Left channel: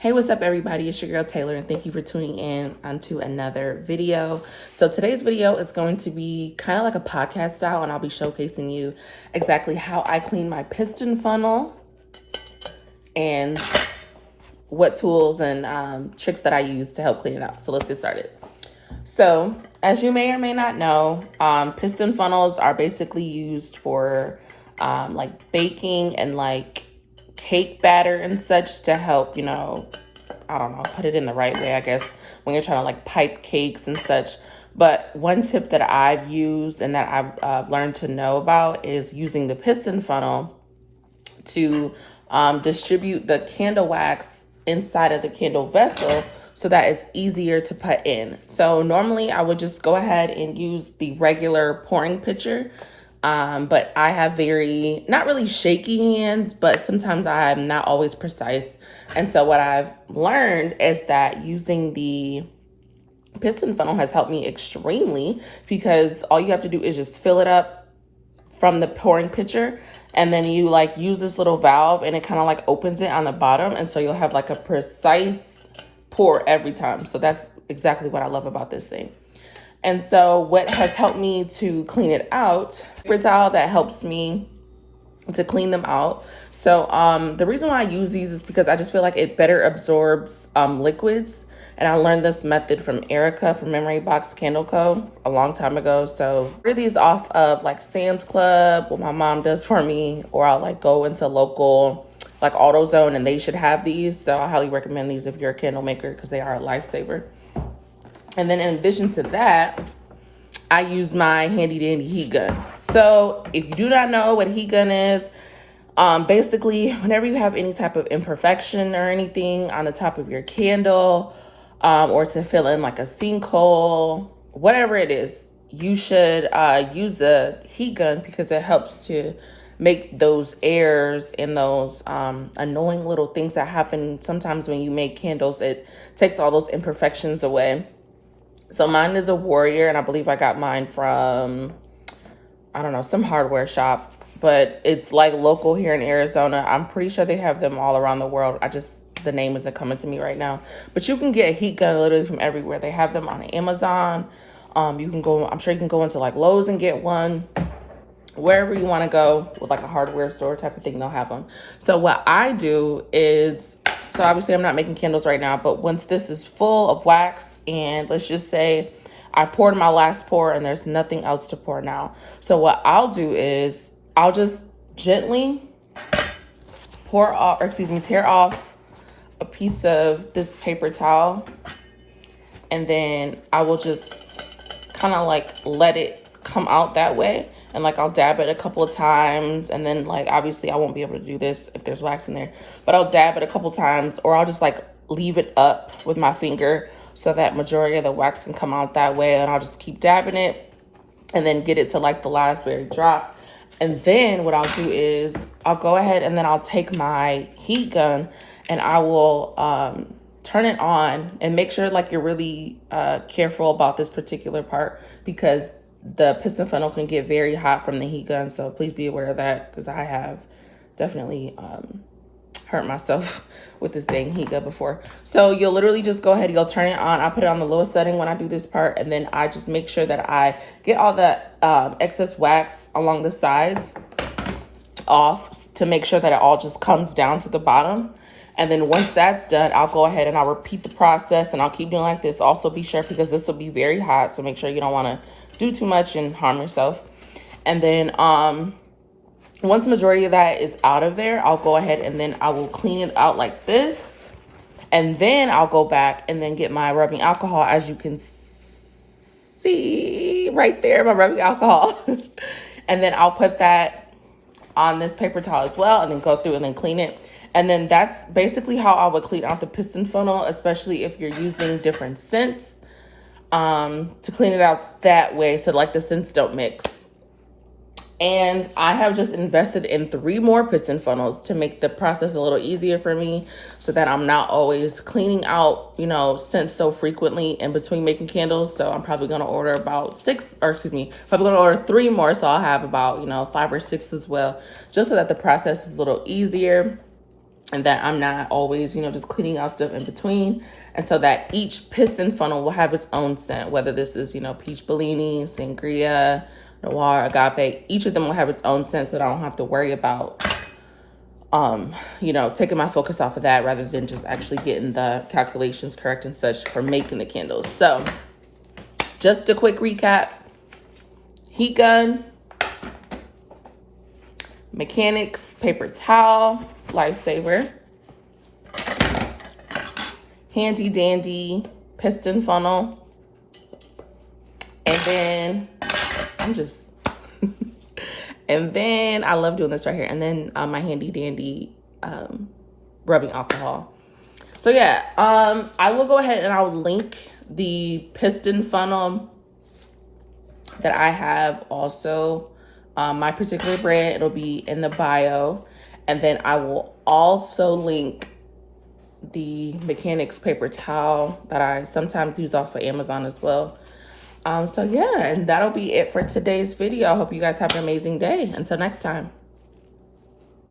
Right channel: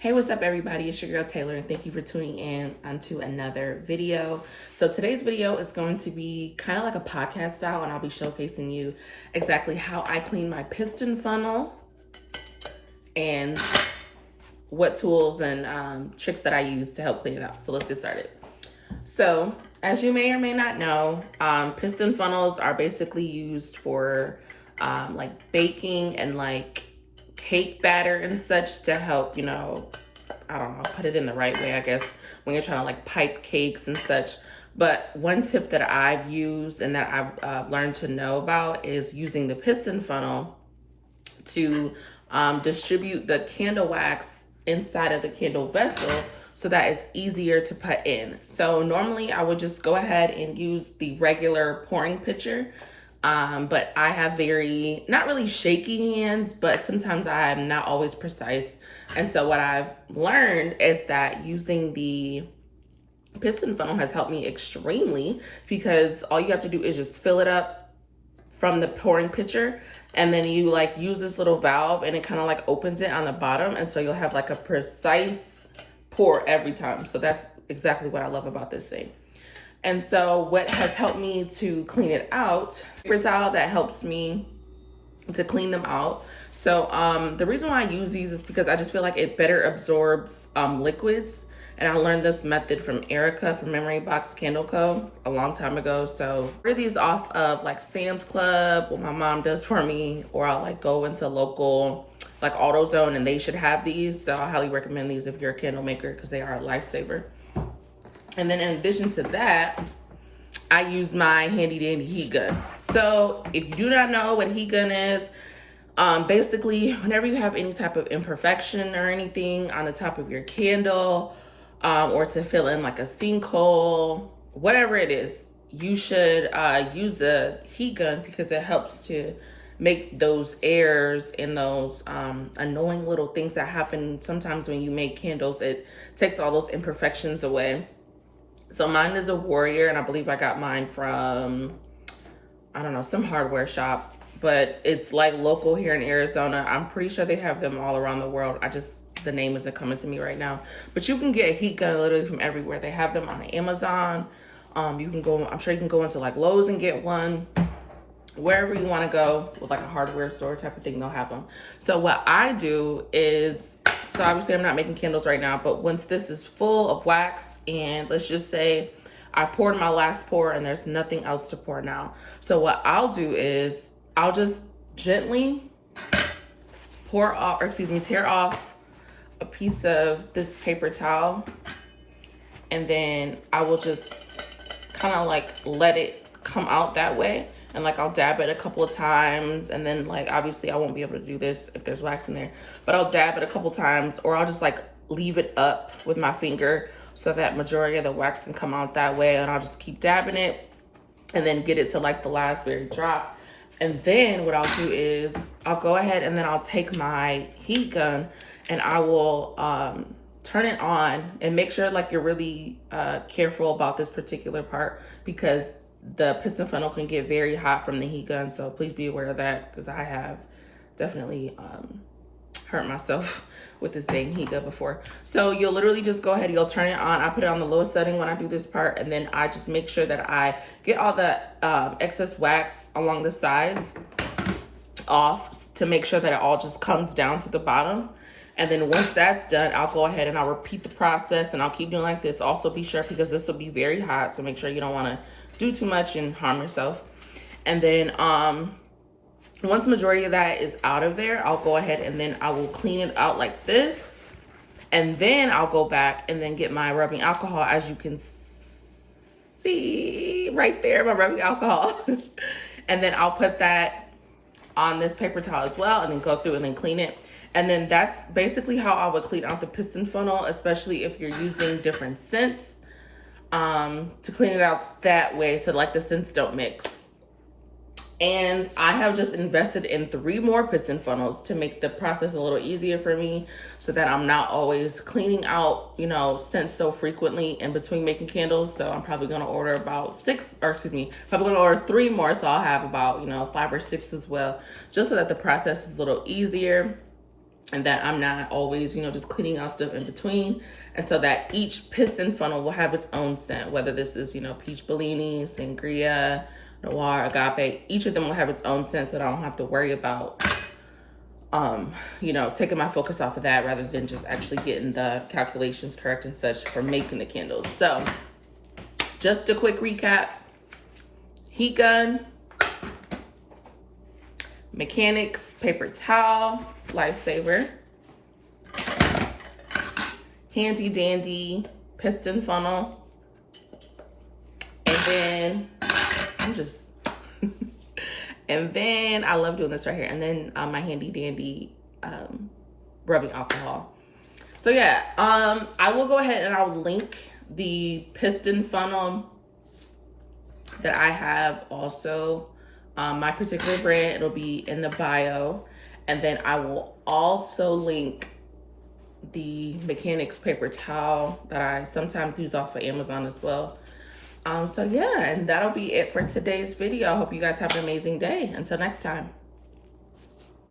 Hey, what's up everybody? It's your girl Taylor and thank you for tuning in onto another video. So today's video is going to be kind of like a podcast style, and I'll be showcasing you exactly how I clean my piston funnel and what tools and tricks that I use to help clean it out. So let's get started. So as you may or may not know, piston funnels are basically used for like baking and like cake batter and such to help, I don't know, put it in the right way, I guess, when you're trying to like pipe cakes and such. But one tip that I've used and that I've learned to know about is using the piston funnel to distribute the candle wax inside of the candle vessel so that it's easier to put in. So normally I would just go ahead and use the regular pouring pitcher. But I have not really shaky hands, but sometimes I'm not always precise. And so what I've learned is that using the piston funnel has helped me extremely, because all you have to do is just fill it up from the pouring pitcher, and then you like use this little valve and it kind of like opens it on the bottom. And so you'll have like a precise pour every time. So that's exactly what I love about this thing. And so what has helped me to clean it out, paper towel that helps me to clean them out. So the reason why I use these is because I just feel like it better absorbs liquids. And I learned this method from Erica from Memory Box Candle Co. a long time ago. So I order these off of like Sam's Club, what my mom does for me, or I'll like go into local like AutoZone and they should have these. So I highly recommend these if you're a candle maker, because they are a lifesaver. And then in addition to that, I use my handy dandy heat gun. So if you do not know what heat gun is, basically whenever you have any type of imperfection or anything on the top of your candle, or to fill in like a sinkhole, whatever it is, you should use the heat gun, because it helps to make those errors and those annoying little things that happen sometimes when you make candles. It takes all those imperfections away. So mine is a Warrior, and I believe I got mine from, I don't know, some hardware shop, but it's like local here in Arizona. I'm pretty sure they have them all around the world. The name isn't coming to me right now, but you can get a heat gun literally from everywhere. They have them on Amazon. I'm sure you can go into like Lowe's and get one. Wherever you want to go with like a hardware store type of thing, they'll have them. So what I do is, so obviously I'm not making candles right now, but once this is full of wax, and let's just say I poured my last pour and there's nothing else to pour now. So what I'll do is I'll just gently tear off a piece of this paper towel, and then I will just kind of like let it come out that way. And like I'll dab it a couple of times, and then like obviously I won't be able to do this if there's wax in there, but I'll dab it a couple times, or I'll just like leave it up with my finger so that majority of the wax can come out that way. And I'll just keep dabbing it and then get it to like the last very drop. And then what I'll do is I'll go ahead and then I'll take my heat gun and I will turn it on, and make sure like you're really careful about this particular part, because the piston funnel can get very hot from the heat gun. So please be aware of that, because I have definitely hurt myself with this dang heat gun before. So you'll literally just go ahead, you'll turn it on. I put it on the lowest setting when I do this part, and then I just make sure that I get all the excess wax along the sides off, to make sure that it all just comes down to the bottom. And then once that's done, I'll go ahead and I'll repeat the process, and I'll keep doing like this. Also be sure, because this will be very hot, so make sure you don't want to do too much and harm yourself. And then once the majority of that is out of there, I'll go ahead and then I will clean it out like this. And then I'll go back and then get my rubbing alcohol, as you can see right there, my rubbing alcohol. And then I'll put that on this paper towel as well, and then go through and then clean it. And then that's basically how I would clean out the piston funnel, especially if you're using different scents, to clean it out that way, so like the scents don't mix. And I have just invested in 3 more piston funnels to make the process a little easier for me, so that I'm not always cleaning out, scents so frequently in between making candles. So I'm probably going to order about 3 more. So I'll have about, 5 or 6 as well, just so that the process is a little easier. and that I'm not always, you know, just cleaning out stuff in between. And so that each piston funnel will have its own scent, whether this is, you know, peach Bellini, sangria, noir, agape. Each of them will have its own scent, so that I don't have to worry about, you know, taking my focus off of that rather than just actually getting the calculations correct and such for making the candles. So just a quick recap: heat gun, mechanics paper towel, lifesaver, handy dandy piston funnel, and then and then I love doing this right here, and then my handy dandy rubbing alcohol. So yeah, I will go ahead and I'll link the piston funnel that I have also, my particular brand. It'll be in the bio, and then I will also link the mechanics paper towel that I sometimes use off of Amazon as well. So yeah, and that'll be it for today's video. I hope you guys have an amazing day. Until next time.